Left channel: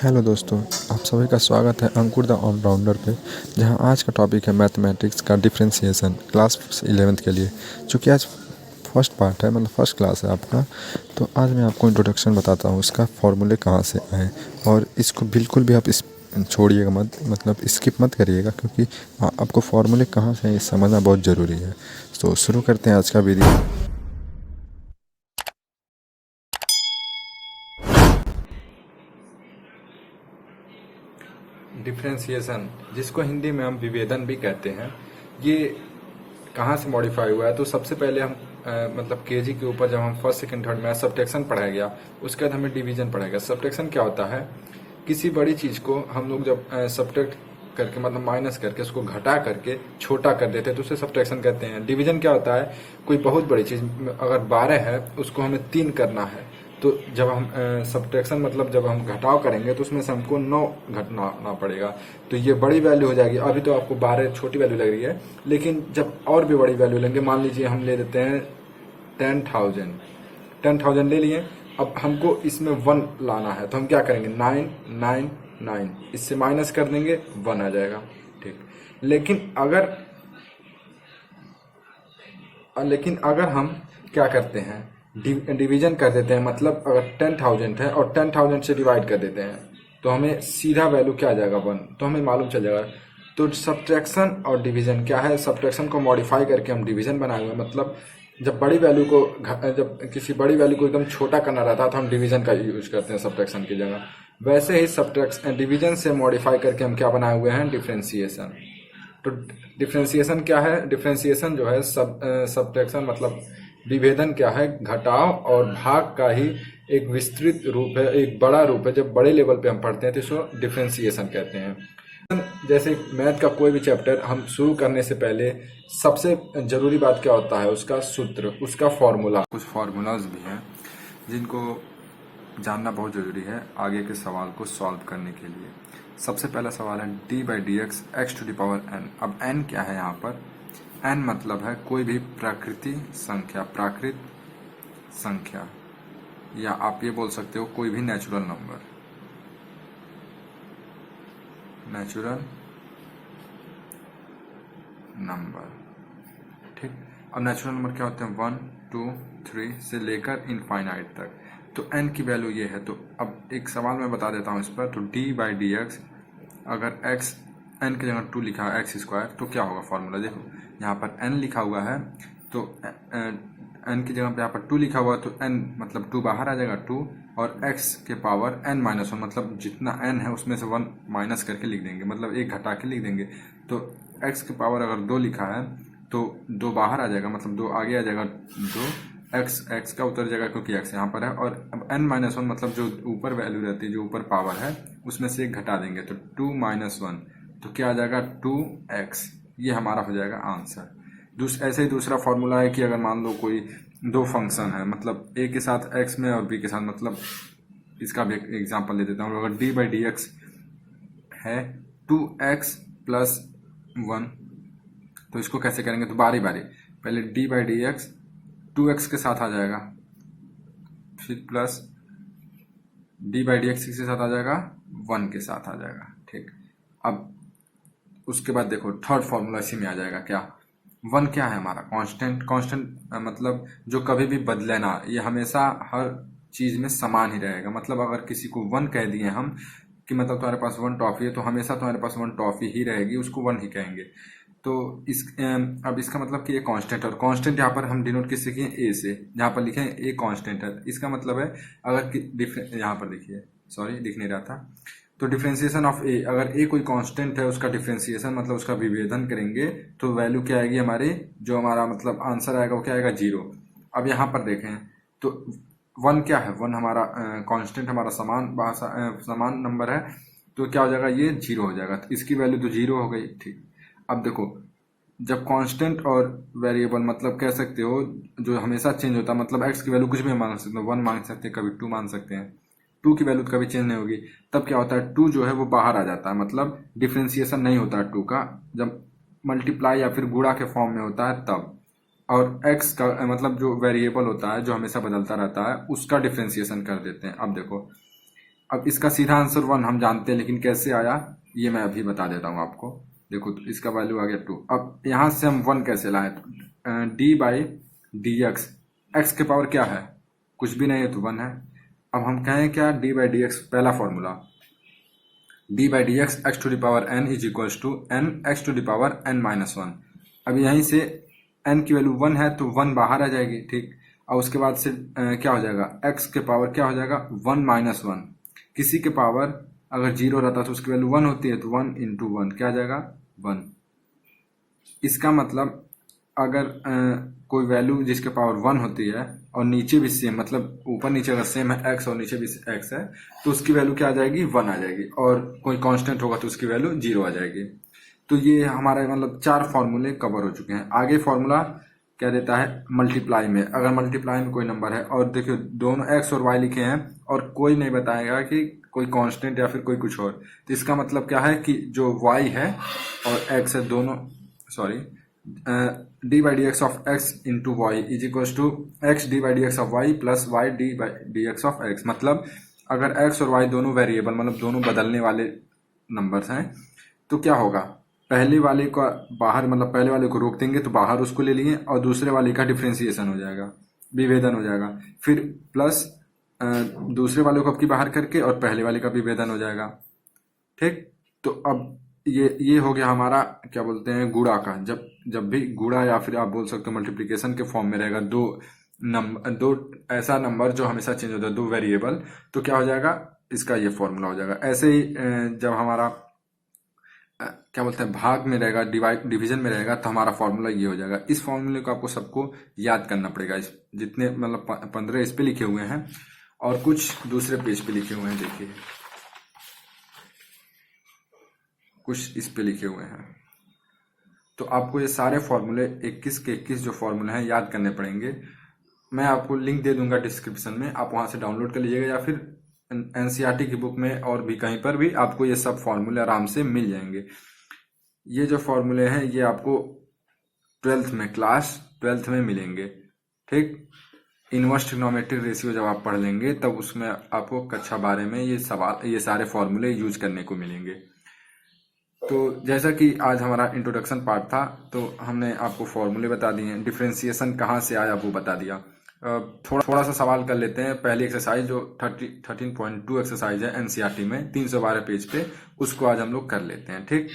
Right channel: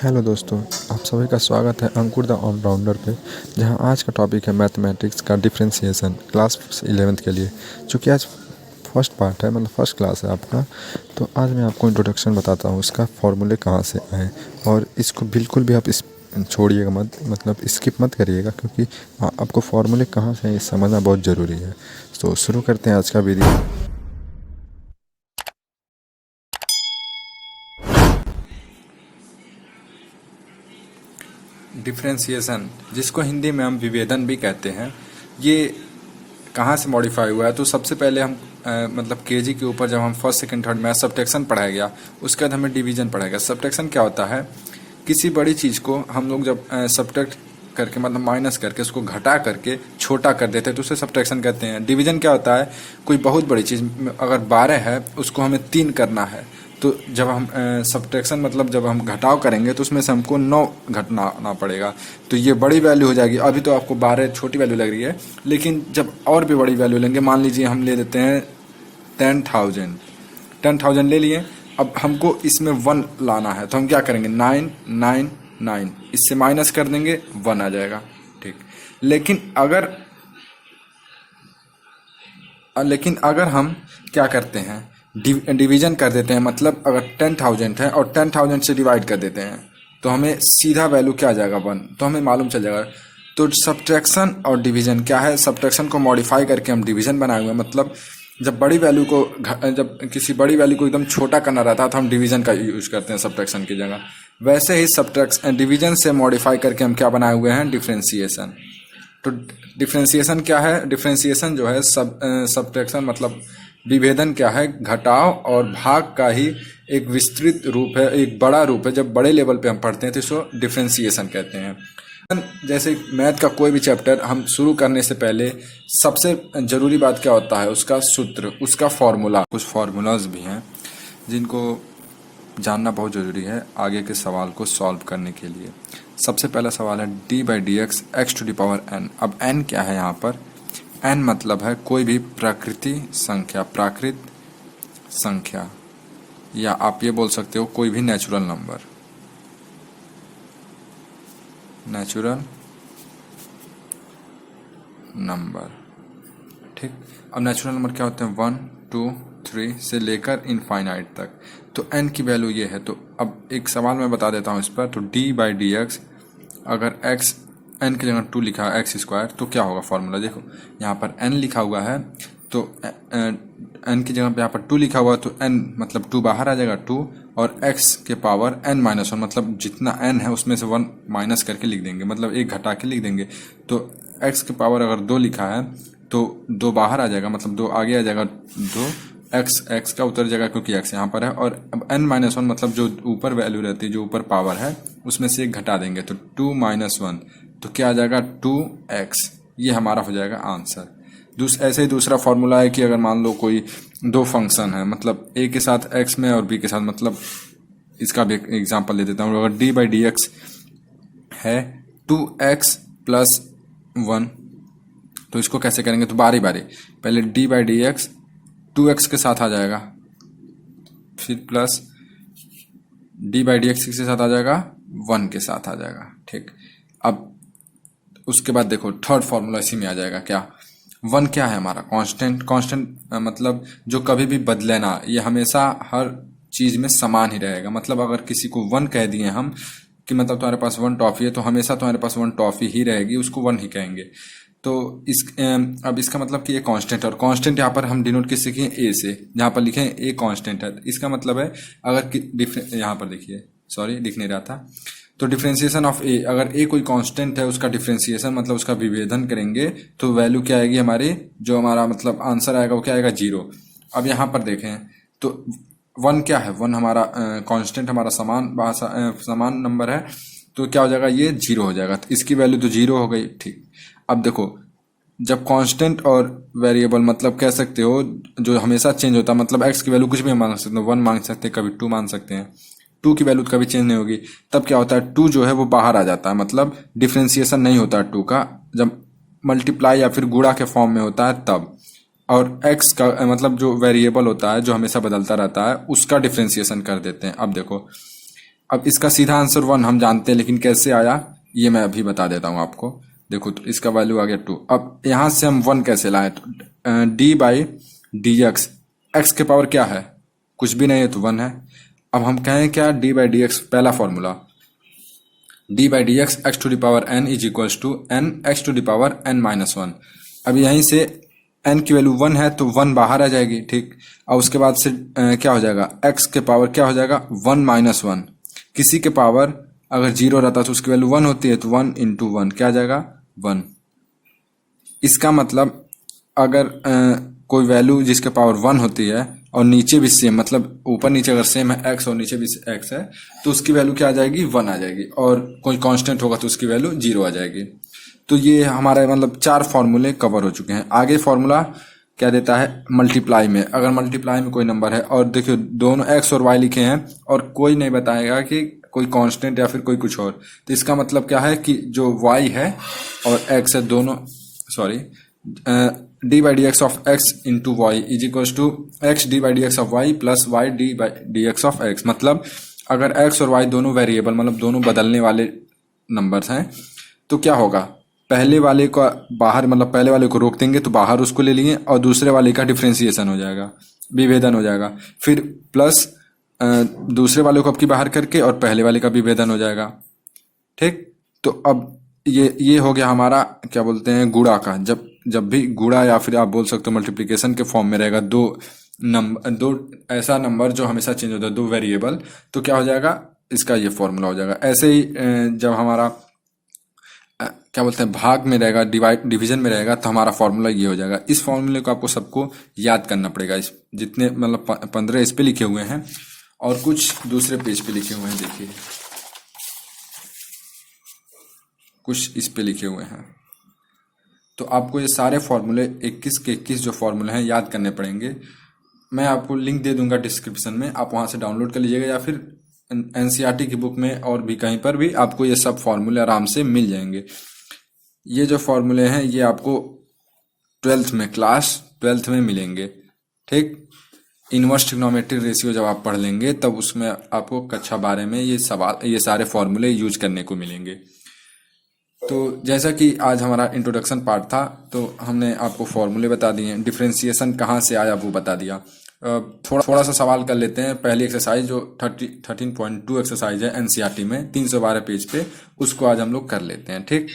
Hello दोस्तों, आप सभी का स्वागत है अंकुर द ऑलराउंडर पे। जहां आज का टॉपिक है मैथमेटिक्स का डिफरेंशिएशन क्लास 11th के लिए, जो कि आज फर्स्ट पार्ट है, मतलब फर्स्ट क्लास है आपका। तो आज मैं आपको इंट्रोडक्शन बताता हूँ, इसका फॉर्मूले कहाँ से आए, और इसको बिल्कुल भी आप इस छोड़िएगा मत, मतलब स्किप मत करिएगा, क्योंकि आपको फॉर्मूले कहाँ से हैं ये समझना बहुत ज़रूरी है। तो शुरू करते हैं आज का वीडियो। डिफ्रेंसिएशन, जिसको हिंदी में हम विभेदन भी कहते हैं, ये कहाँ से मॉडिफाई हुआ है। तो सबसे पहले हम मतलब केजी के ऊपर जब हम फर्स्ट सेकंड थर्ड में सब्ट्रैक्शन पढ़ाया गया, उसके बाद हमें डिवीजन पढ़ाया गया। सब्ट्रैक्शन क्या होता है? किसी बड़ी चीज़ को हम लोग जब सब्ट्रैक्ट करके, मतलब माइनस करके, उसको घटा करके छोटा कर देते हैं तो उसे सब्ट्रैक्शन कहते हैं। डिवीजन क्या होता है? कोई बहुत बड़ी चीज़ अगर 12 है, उसको हमें 3 करना है, तो जब हम सब्ट्रैक्शन मतलब जब हम घटाव करेंगे तो उसमें से हमको 9 घटाना पड़ेगा, तो ये बड़ी वैल्यू हो जाएगी। अभी तो आपको 12 छोटी वैल्यू लग रही है, लेकिन जब और भी बड़ी वैल्यू लेंगे, मान लीजिए हम ले लेते हैं 10,000 ले लिए। अब हमको इसमें 1 लाना है, तो हम क्या करेंगे? 999, इससे माइनस कर देंगे, 1 आ जाएगा। ठीक। लेकिन अगर हम क्या करते हैं, डिवीजन कर देते हैं, मतलब अगर 10,000 है और 10,000 से डिवाइड कर देते हैं, तो हमें सीधा वैल्यू क्या आ जाएगा? 1। तो हमें मालूम चल जाएगा। तो सब्ट्रैक्शन और डिवीजन क्या है? सब्ट्रैक्शन को मॉडिफाई करके हम डिवीजन बनाए हुए हैं। मतलब जब किसी बड़ी वैल्यू को एकदम छोटा करना रहता है तो हम डिवीजन का यूज करते हैं सब्ट्रैक्शन की जगह। वैसे ही सब्ट्रैक्शन डिवीजन से मॉडिफाई करके हम क्या बनाए हुए हैं? डिफ्रेंसिएशन। तो डिफ्रेंसिएशन क्या है? डिफ्रेंसिएशन जो है सब्ट्रैक्शन मतलब विभेदन क्या है? घटाव और भाग का ही एक विस्तृत रूप है, एक बड़ा रूप है। जब बड़े लेवल पे हम पढ़ते हैं तो इसको डिफ्रेंसिएशन कहते हैं। जैसे मैथ का कोई भी चैप्टर हम शुरू करने से पहले सबसे जरूरी बात क्या होता है? उसका सूत्र, उसका फॉर्मूला। कुछ फार्मूलाज भी हैं जिनको जानना बहुत ज़रूरी है आगे के सवाल को सॉल्व करने के लिए। सबसे पहला सवाल है d/dx x to the power n। अब n क्या है यहाँ पर? n मतलब है कोई भी प्राकृत संख्या, या आप ये बोल सकते हो कोई भी नेचुरल नंबर। ठीक। अब नेचुरल नंबर क्या होते हैं? 1 2 3 से लेकर इनफाइनाइट तक। तो n की वैल्यू ये है। तो अब एक सवाल मैं बता देता हूँ इस पर। तो d/dx, अगर x n की जगह 2 लिखा है x², तो क्या होगा फॉर्मूला? देखो यहाँ पर n लिखा हुआ है, तो n की जगह पे यहाँ पर 2 लिखा हुआ है, तो n मतलब 2 बाहर आ जाएगा, 2, और x के पावर n-1, मतलब जितना n है उसमें से 1 माइनस करके लिख देंगे, मतलब एक घटा के लिख देंगे। तो x के पावर अगर 2 लिखा है तो 2 बाहर आ जाएगा, मतलब 2 आगे आ जाएगा, 2 x का उतर जाएगा क्योंकि x यहाँ पर है, और अब n-1 मतलब जो ऊपर वैल्यू रहती है, जो ऊपर पावर है, उसमें से एक घटा देंगे, तो 2 - 1, तो क्या आ जाएगा? 2x। ये हमारा हो जाएगा आंसर। ऐसे ही दूसरा फॉर्मूला है कि अगर मान लो कोई दो फंक्शन है, मतलब a के साथ x में और b के साथ, मतलब इसका भी एग्जांपल ले देता हूँ। अगर d/dx है 2x + 1, तो इसको कैसे करेंगे? तो बारी बारी, पहले d/dx 2x के साथ आ जाएगा, फिर प्लस d/dx किसके साथ आ जाएगा? 1 के साथ आ जाएगा। ठीक। अब उसके बाद देखो थर्ड फॉर्मूला इसी में आ जाएगा। क्या? 1 क्या है हमारा? कांस्टेंट मतलब जो कभी भी बदले ना, ये हमेशा हर चीज में समान ही रहेगा। मतलब अगर किसी को 1 कह दिए हम कि मतलब तुम्हारे पास 1 टॉफी है, तो हमेशा तुम्हारे पास 1 टॉफी ही रहेगी, उसको 1 ही कहेंगे। तो अब इसका मतलब कि ये कांस्टेंट, और कांस्टेंट यहाँ पर हम डिनोट किससे किए? ए से। जहाँ पर लिखे ए कांस्टेंट है, इसका मतलब है अगर यहाँ पर देखिए, सॉरी लिख नहीं रहा था। तो डिफ्रेंसिएशन ऑफ ए, अगर ए कोई कांस्टेंट है, उसका डिफ्रेंसिएशन मतलब उसका विभेदन करेंगे, तो वैल्यू क्या आएगी हमारी? जो हमारा मतलब आंसर आएगा वो क्या आएगा? 0। अब यहाँ पर देखें तो 1 क्या है? 1 हमारा कांस्टेंट, हमारा समान नंबर है, तो क्या हो जाएगा? ये 0 हो जाएगा। तो इसकी वैल्यू तो 0 हो गई। ठीक। अब देखो, जब कांस्टेंट और वेरिएबल मतलब कह सकते हो जो हमेशा चेंज होता है, मतलब x की वैल्यू कुछ भी मांग सकते हो, 1 मांग सकते हैं, कभी 2 मान सकते हैं, 2 की वैल्यू कभी चेंज नहीं होगी। तब क्या होता है? 2 जो है वो बाहर आ जाता है, मतलब डिफ्रेंसिएशन नहीं होता है 2 का। जब मल्टीप्लाई या फिर गुणा के फॉर्म में होता है तब। और x का मतलब जो वेरिएबल होता है, जो हमेशा बदलता रहता है, उसका डिफ्रेंसिएशन कर देते हैं। अब देखो अब इसका सीधा आंसर 1 हम जानते हैं, लेकिन कैसे आया ये मैं अभी बता देता हूँ आपको। देखो तो इसका वैल्यू आ गया 2। अब यहाँ से हम 1 कैसे लाएं, तो D by D X, x के पावर क्या है, कुछ भी नहीं है तो 1 है। अब हम कहें क्या, डी बाई डी एक्स, पहला formula D by D X X to the power N is equals to N X to the power N minus 1। अब यहीं से एन की वैल्यू 1 है तो 1 बाहर आ जाएगी, ठीक। और उसके बाद से क्या हो जाएगा, एक्स के पावर क्या हो जाएगा 1 माइनस 1। किसी के पावर अगर 0 रहता तो उसकी वैल्यू 1 होती है, तो 1 इंटू 1 क्या आ जाएगा 1। इसका मतलब अगर कोई वैल्यू जिसके पावर 1 होती है और नीचे भी सेम, मतलब ऊपर नीचे अगर सेम है एक्स और नीचे भी एक्स है, तो उसकी वैल्यू क्या आ जाएगी 1 आ जाएगी। और कोई कांस्टेंट होगा तो उसकी वैल्यू 0 आ जाएगी। तो ये हमारा मतलब 4 फॉर्मूले कवर हो चुके हैं। आगे फॉर्मूला क्या देता है, मल्टीप्लाई में, अगर मल्टीप्लाई में कोई नंबर है और देखियो दोनों एक्स और वाई लिखे हैं और कोई नहीं बताएगा कि कोई कांस्टेंट या फिर कोई कुछ और, तो इसका मतलब क्या है कि जो वाई है और एक्स है दोनों, sorry, D by D X of X into Y is equals to X D by D X of Y plus Y D by D X of X. मतलब अगर एक्स और वाई दोनों variable, मतलब दोनों बदलने वाले नंबर्स हैं, तो क्या होगा, पहले वाले का बाहर, मतलब पहले वाले को रोक देंगे तो बाहर उसको ले लेंगे और दूसरे वाले का डिफ्रेंसिएशन हो जाएगा, विभेदन हो जाएगा। फिर प्लस दूसरे वाले को अब की बाहर करके और पहले वाले का विभेदन हो जाएगा, ठीक। तो अब ये हो गया हमारा क्या बोलते हैं, गुणा का। जब भी गुणा या फिर आप बोल सकते हो मल्टीप्लिकेशन के फॉर्म में रहेगा दो ऐसा नंबर जो हमेशा चेंज होता है, दो वेरिएबल, तो क्या हो जाएगा, इसका ये फॉर्मूला हो जाएगा। ऐसे ही जब हमारा क्या बोलते हैं भाग में रहेगा, डिवीजन में रहेगा, तो हमारा फॉर्मूला ये हो जाएगा। इस फॉर्मूले को आपको सबको याद करना पड़ेगा। इस जितने मतलब 15 इस पे लिखे हुए हैं और कुछ दूसरे पेज पे लिखे हुए हैं, देखिए कुछ इस पे लिखे हुए हैं। तो आपको ये सारे फॉर्मूले 21 के 21 जो फॉर्मूले हैं याद करने पड़ेंगे। मैं आपको लिंक दे दूंगा डिस्क्रिप्शन में, आप वहाँ से डाउनलोड कर लीजिएगा, या फिर एनसीईआरटी की बुक में और भी कहीं पर भी आपको ये सब फॉर्मूले आराम से मिल जाएंगे। ये जो फॉर्मूले हैं ये आपको 12th में, क्लास 12th में मिलेंगे, ठीक। इनवर्स ट्रिग्नोमेट्री रेशियो जब आप पढ़ लेंगे तब उसमें आपको कक्षा 12 में ये सारे फॉर्मूले यूज करने को मिलेंगे। तो जैसा कि आज हमारा इंट्रोडक्शन पार्ट था, तो हमने आपको फॉर्मूले बता दिए, डिफ्रेंसिएशन कहाँ से आया वो बता दिया। थोड़ा सा सवाल कर लेते हैं। पहली एक्सरसाइज जो 13.2 एक्सरसाइज है एनसीईआरटी में 312 पेज पे, उसको आज हम लोग कर लेते हैं, ठीक।